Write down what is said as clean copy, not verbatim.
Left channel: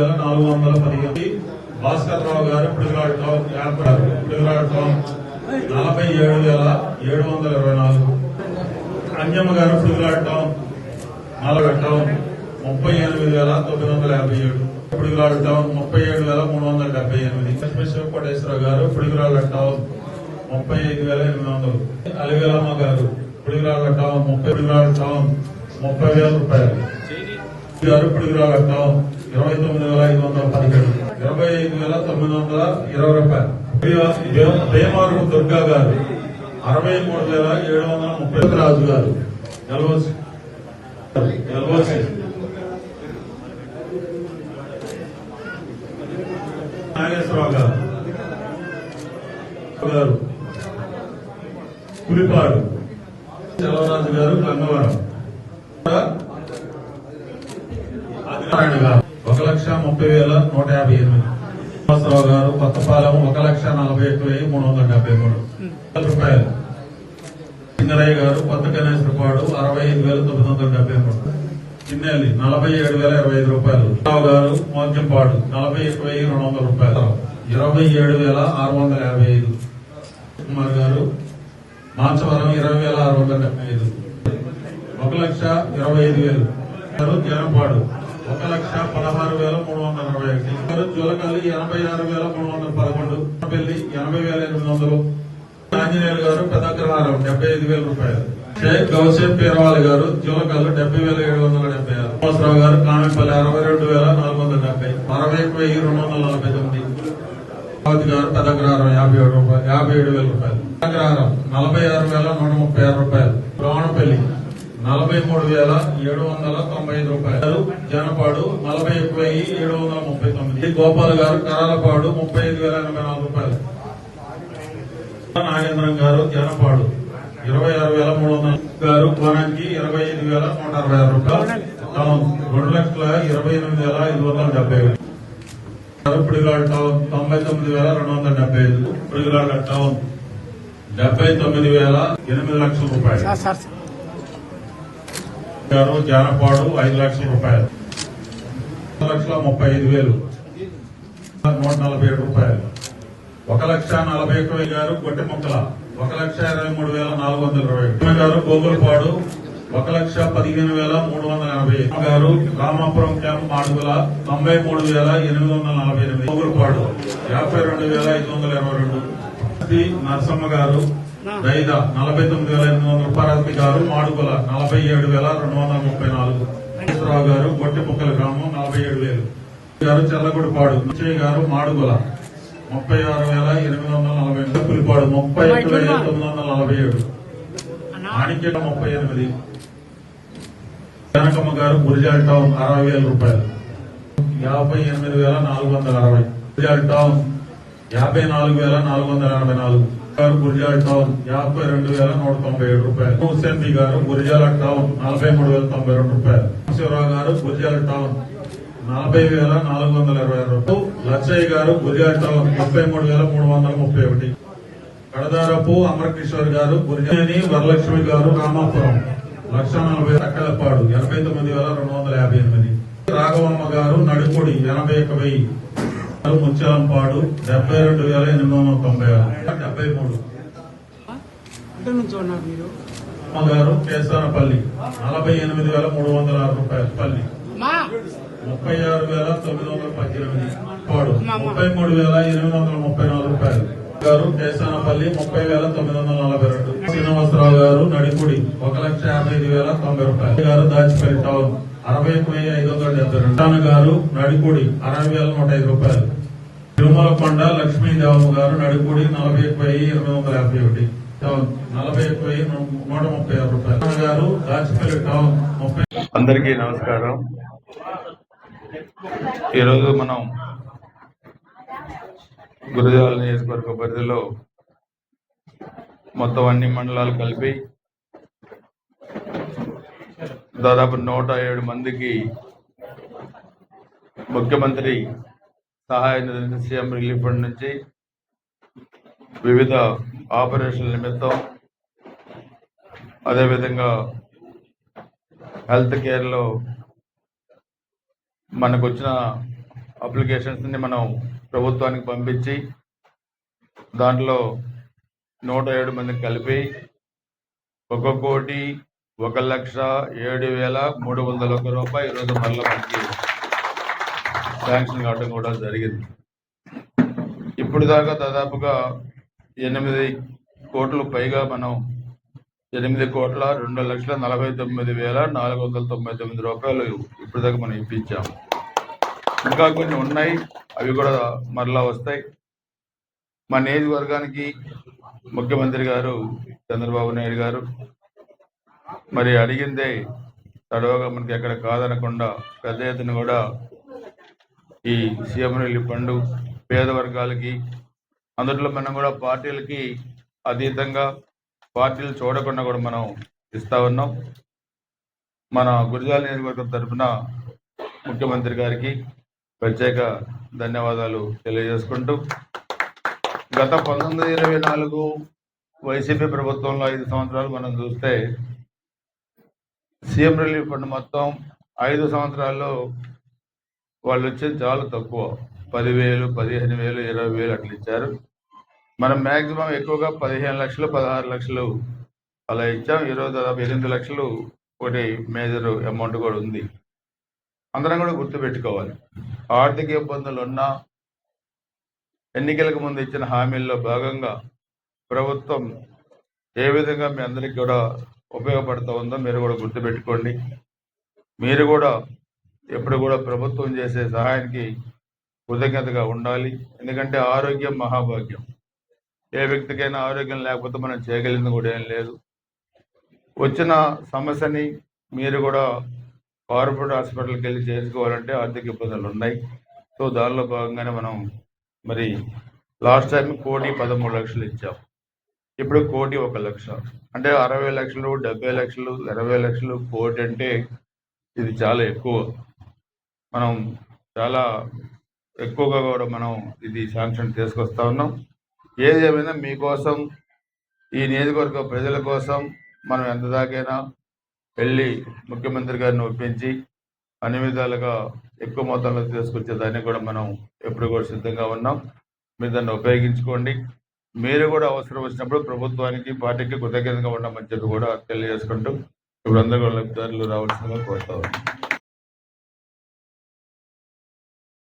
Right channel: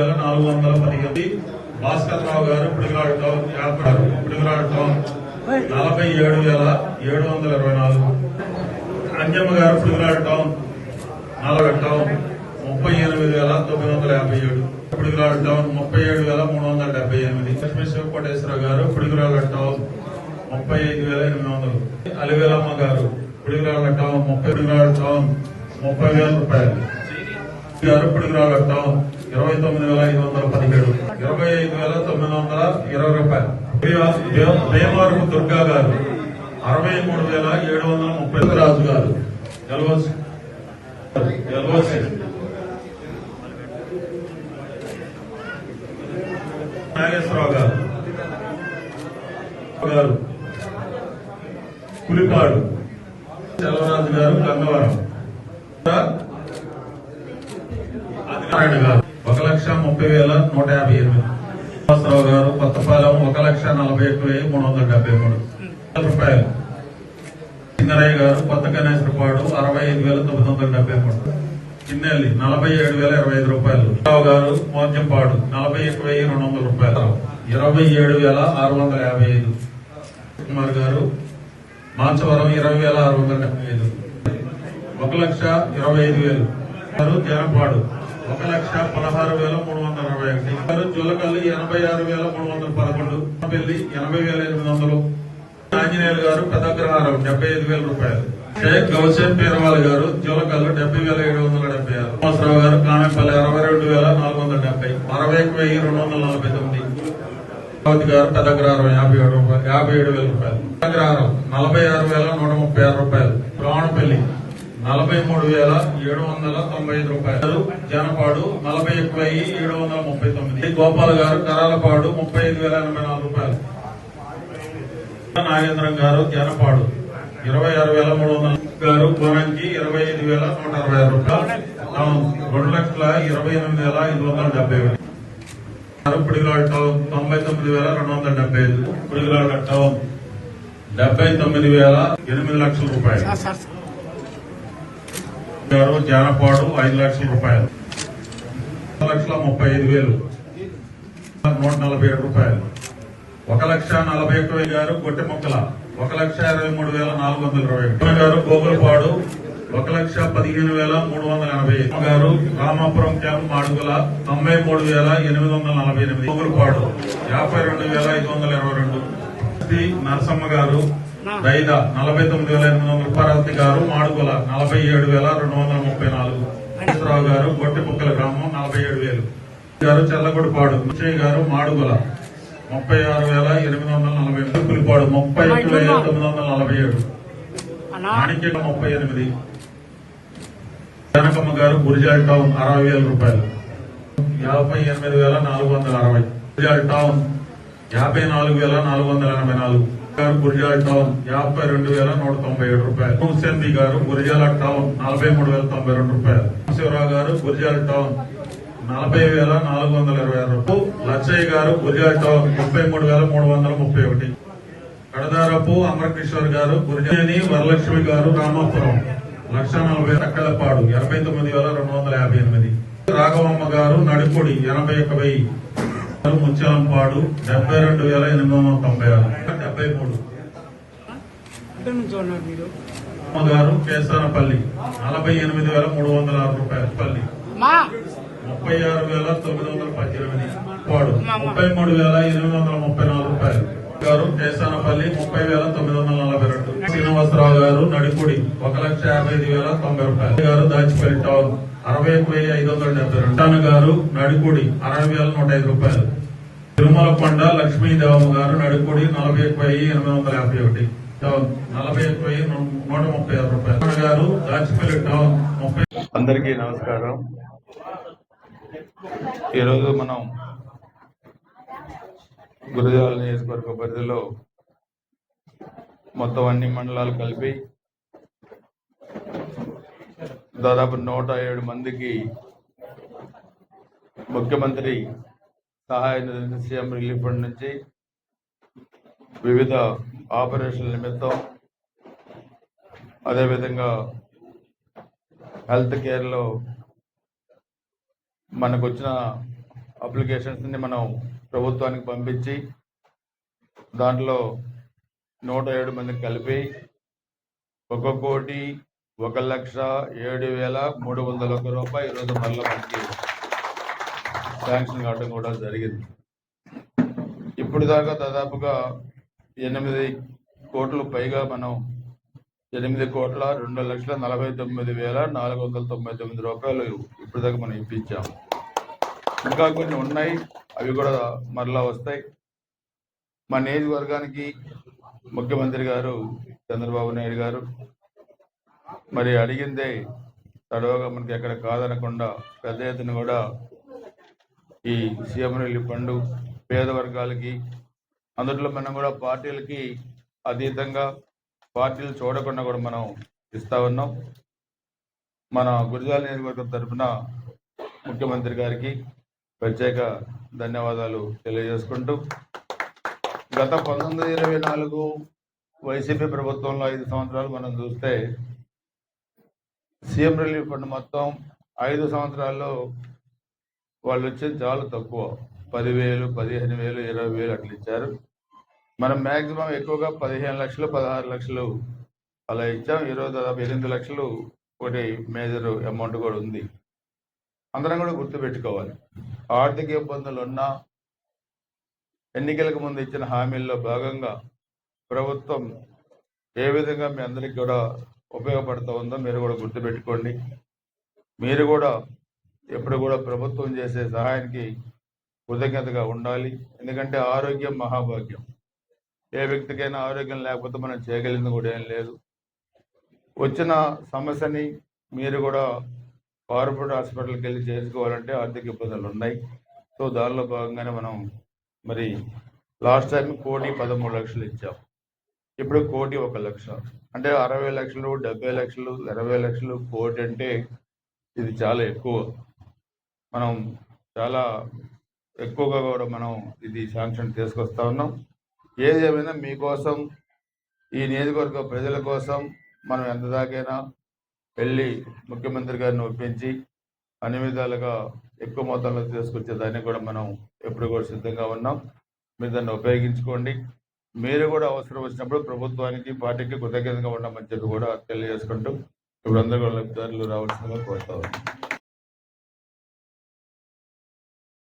47,415. భాస్కర్ రావు గారు పిడుగురాడు టౌన్ 47,724. అంజమ్మ గారు పిడుగురాడు town 38,957. పిడుగురాడు town 37,378. Lakshmi Siva Koteswara Rao గారు పిడుగురాడు టౌన్ 35,800. అలివేలమ్మ గారు పిడుగురాడు టౌన్ 30,000 రూపాయలు. గారు పిడుగురాడు టౌన్ 29,517. 25,920 రూపాయలు. భీమవరపు దుర్గా గారు 63,730. రాజు గారు నాగేశ్వరరావు గారు పులిపాడు. చలవరాజు గారు గంగవరం. 1,30,158. శ్రీనివాసరావు గారు కొత్తపాలెం 1,41,373 రూపాయలు. సింగరయ్య గారు కొత్త గణేశ్వరపాడు 65,973. చిన్నెల్లి 47,025 రూపాయలు. రావు గారు మోత్యంపాడు 41,200 రూపాయలు. 27,655. కుమార్ గారు మాచవరం 20,675. 1,25,000. జనపాడు 1,16,321. జోలకల్లి 86,311. పెళ్లి 80,800. ఆంజనేయులు గారు పెద్దగ్రహారం 75,000 రూపాయలు. షేక్ గౌసేఫ్ పీరవాల్ గారు జోలకల్లు 70,776. శ్రీనివాసరావు గారు కామెపల్లి 62,470. 61,249. గారు పెద్దగ్రహారం 57,000 రూపాయలు. పెద్దగ్రహారం 46,136 రూపాయలు. రావణపల్లి 43,795 రూపాయలు. జనపాడు 41,739. గోపాల్ గారు కరాలపాడు 35,084 రూపాయలు. నాగేంద్రం గారు జనపాడు 26,300 గారు. కోనంకి 25,160 రూపాయలు. 2,28,570. పిడుగురాడు టౌన్ 99,275. పిడుగురాడు టౌన్ 79,800 రూపాయలు. గారు జానపాడు 5 లక్షల రూపాయలు. 1,35,000. 147 రూపాయలు. 1,41,000 గారు గొట్టెముక్కల 1,23,420. గారు గోగులపాడు 1,15,380. గారు రామాపురం క్యాంప్ మాడుగుల 93,848. గోగులపాడు 52,522. నరసమ్మ గారు దైద 49,800. పార్వతి గారు మాడుగుల 47,234. రావు గారు గొట్టెముక్కల గ్రామం 47,000. గారు చెల్లగొడపాడు. విజయ్ గారు మాడుగుల 36,840. పులిపాడు 31,947. మాణిక్యం 38. జనకమ్మ గారు గురిజాల్ టౌన్ 60,000 రూపాయలు. 58,460. గురిజాల్ టౌన్ 54,484. గురిజాల్ టౌన్ 52,197 రూపాయలు. హుస్సేన్ బి గారు గురిజాల టౌన్ 43,092 రూపాయలు. శివరావు గారు గురిజాల్ టౌన్ 40,426 రూపాయలు. లచ్చయ్య గారు గురిజాల్ టౌన్ 33,331. కడదారపు అమరకిషోర్ గారు గురిజాని. వరలక్ష్మి గారు రామాపురం 1,40,000. అక్కలపాడు 89,258. రాఘవమ్మ గారు నడుపుడి 81,000. ముత్యాలంపాడు 72,896. 73. గారు కేసానపల్లి 48,306 రూపాయలు. పల్లి 36,918. పాడు 33,834 రూపాయలు. గారు కేసానపల్లి 30,942. శ్రీనివాసరావు గారు నడిపుడి 1,55,090 రూపాయలు. గారు దాచిపల్లి టౌన్ 61,572. గారు నడిపుడి 60,105 రూపాయలు. తిరుమలకొండ లక్ష్మీదేవమ్మ గారు నడిపుడి 41,851. టౌన్ 41,136 రూపాయలు. గారు దాచిపల్లి టౌన్ 30. అందరికీ నమస్కారం. ఈరోజు మనం గురజాల నియోజకవర్గ పరిధిలో మొత్తం అన్ని మండలాలు కలిపి దాదాపు 107 మందికి ముఖ్యమంత్రి సహాయ నిధి సీఎం రిలీఫ్ ఫండ్ నుంచి వివిధ ఆపరేషన్ల నిమిత్తం, అదేవిధంగా హెల్త్ కేర్లో మనకు వచ్చిన అప్లికేషన్స్ని మనం ప్రభుత్వానికి పంపించి దాంట్లో 107 మందికి కలిపి 1,01,07,301 రూపాయలు ఈరోజు మళ్ళీ మనకి శాంక్షన్ కావడం కూడా జరిగింది. ఇప్పుడు దాకా దాదాపుగా 8 కోట్ల పైగా మనం 8,2,49,499 రూపాయలు ఇప్పుడు దాకా మనం ఇప్పించాం. ఇంకా కొన్ని ఉన్నాయి, అవి కూడా మరలా వస్తాయి. మా నియోజకవర్గానికి ముఖ్యమంత్రి గారు చంద్రబాబు నాయుడు గారు మరి అడిగిందే తడవగా మనకి ఎక్కడ కాదనకుండా పెద్ద ఎత్తున కూడా ఈ సీఎం రిలీఫ్ ఫండ్ పేద వర్గాలకి, అందులో మనం కూడా పార్టీలకి అతీతంగా పార్టీలు చూడకుండా కూడా మనం ఇస్తా ఉన్నాం. మన గురజాల నియోజకవర్గం తరఫున ముఖ్యమంత్రి గారికి ప్రత్యేక ధన్యవాదాలు తెలియజేసుకుంటూ, గత 1924 వైసీపీ ప్రభుత్వంలో 5 సంవత్సరాలు మనం చూస్తే సీఎం రిలీఫ్ ఫండ్ మొత్తం 5 సంవత్సరాల్లో వాళ్ళు వచ్చేది చాలా తక్కువ, 10,000, 15,000, 20,000 అట్లా ఇచ్చారు. మనం మ్యాక్సిమం ఎక్కువగా 15 లక్షలు, 16 లక్షలు అలా ఇచ్చాం. ఈరోజు దాదాపు 8 లక్షలు ఒకటి మేజర్ అమౌంట్ కూడా ఉంది. అందరం కూడా గుర్తుపెట్టుకోవాలి, ఆర్థిక ఇబ్బందులు ఉన్నా ఎన్నికలకు ముందు ఇచ్చిన హామీల్లో భాగంగా ప్రభుత్వం ఏ విధంగా మీ అందరికీ కూడా ఉపయోగపడుతూ ఉందో మీరు కూడా గుర్తుపెట్టుకోండి. మీరు కూడా ఎప్పుడు కూడా ప్రభుత్వం చేసే సహాయానికి కృతజ్ఞతగా ఉండాలి. ఎందుకంటే ఆరోగ్యం మహాభాగ్యం. ఏ వ్యక్తికైనా ఆరోగ్యం లేకపోతే మనం చేయగలిగింది కూడా ఏం లేదు. వచ్చిన సమస్యని మీరు కూడా కార్పొరేట్ హాస్పిటల్కి వెళ్ళి చేసుకోవాలంటే ఆర్థిక ఇబ్బందులు ఉన్నాయి. సో దానిలో భాగంగానే మనం మరి లాస్ట్ టైం 1,13,00,000 ఇచ్చాం. ఇప్పుడు 1,01,00,000, అంటే 60 లక్షలు, 70 లక్షలు, 20 లక్షలు, 1,00,00,000 అంటే ఇది చాలా ఎక్కువ. మనం చాలా ఎక్కువగా కూడా మనం ఇది శాంక్షన్ తీసుకొస్తా ఉన్నాం. ఏది ఏమైనా మీకోసం, ఈ నియోజకవర్గ ప్రజల కోసం మనం ఎంత దాకైనా వెళ్ళి ముఖ్యమంత్రి గారిని ఒప్పించి అన్ని విధాలుగా ఎక్కువ మొత్తంలో తీసుకొచ్చేదాన్ని కూడా మనం ఎప్పుడు కూడా సిద్ధంగా ఉన్నాం. మీరు దాన్ని ఉపయోగించుకోండి. మీరు కూడా అవసరం వచ్చినప్పుడు ప్రభుత్వానికి, పార్టీకి కృతజ్ఞతగా ఉండమని చెప్పి కూడా తెలియజేసుకుంటూ ఇప్పుడు అందరూ కూడా లబ్ధిదారులు రావాల్సిందిగా కోరుతా ఉన్నాం.